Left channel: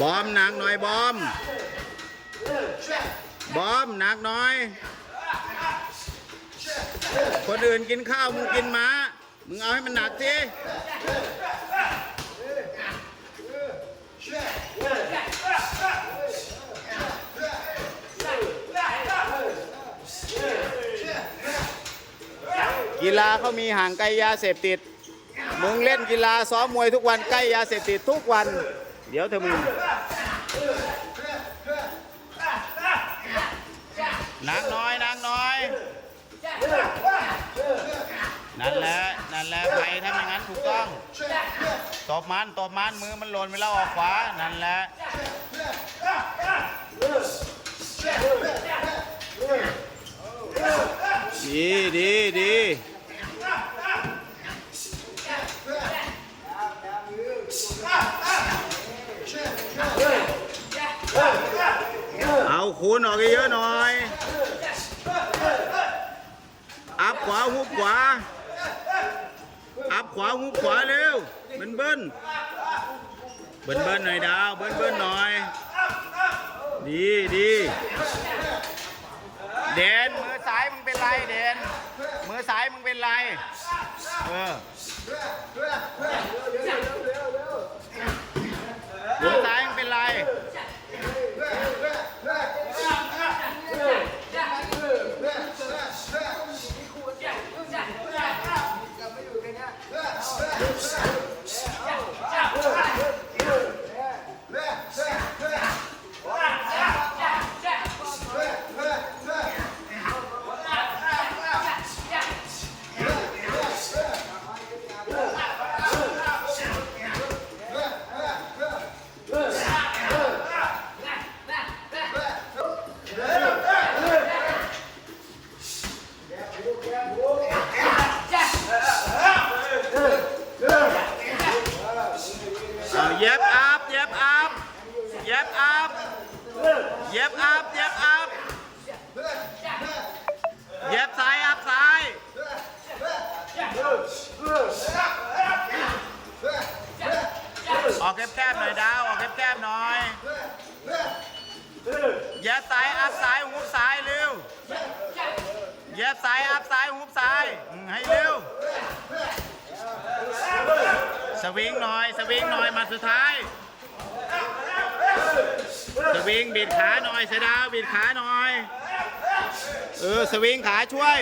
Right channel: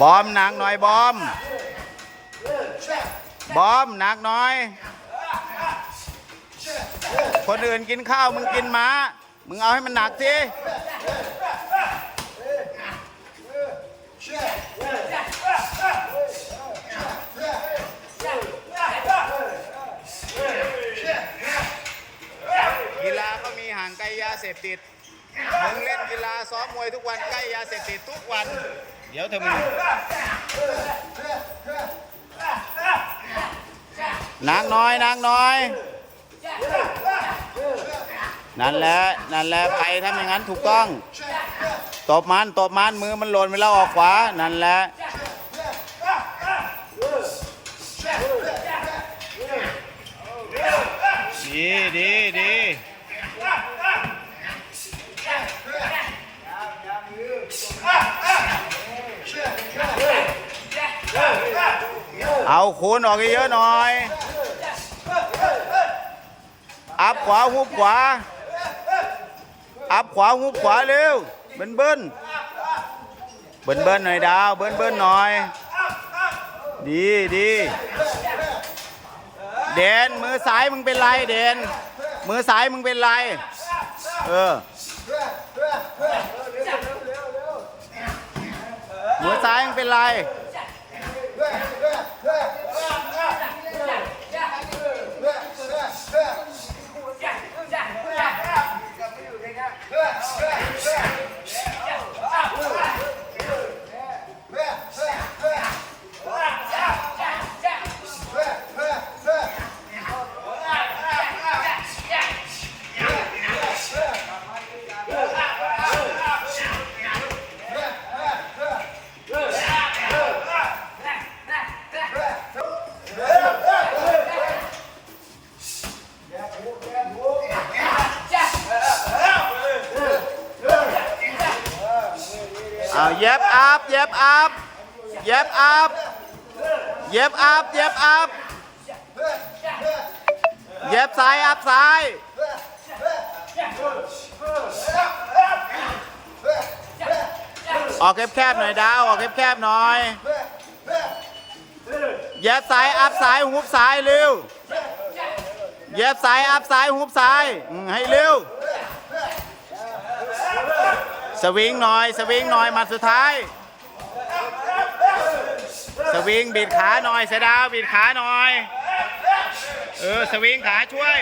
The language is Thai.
บอมหนักหน่อยบอม บอมหนักหน่อย คนอื่นกินข้าวมึงกินม้า มึงเอาให้มันหนักสิ กีฬาเขามีห่างไกลยาเสพติด มึงเล่นกีฬาซ้อมมวยทุกวันใกล้ยาเสพติดทุกวัน เดี๋ยวเธอมึงนางน้อยนางน้อย นั่นแหละนั่นแหละไปทำอย่างนั้นถูกต้องตบมันตบมันมือมันหล่นไปแล้วออกขวา นั่นแหละดีดีดี เอาคูณออกเยอะหน่อย อัพขวาหุบขวา อัพขวาหุบขวาเร็ว เบิ้นเบิ้นเบิ้นเบิ้นหน่อยดาว เบิ้นเบิ้นหน่อย ดีดีเดนมือซ้ายมึงเป็นไรเดนมือซ้ายมึงเป็นไร เออมือซ้ายมึงเป็นไร Back, back. เอาเย็บอัพเย็บอัพเย็บอัพเย็บอัพเย็บอัพเย็บซ้ายอัพซ้ายออกแคบๆหน่อยดาวออกแคบๆหน่อยเย็บซ้ายอัพซ้ายหุบซ้ายเร็วเย็บซ้ายอัพซ้ายหุบซ้ายให้เร็ว สวิงหน่อย สวิงหน่อยมาสุดท้าย สวิงบิดขาหน่อยเสดาวบิดขาหน่อย เออ สวิงขาช่วย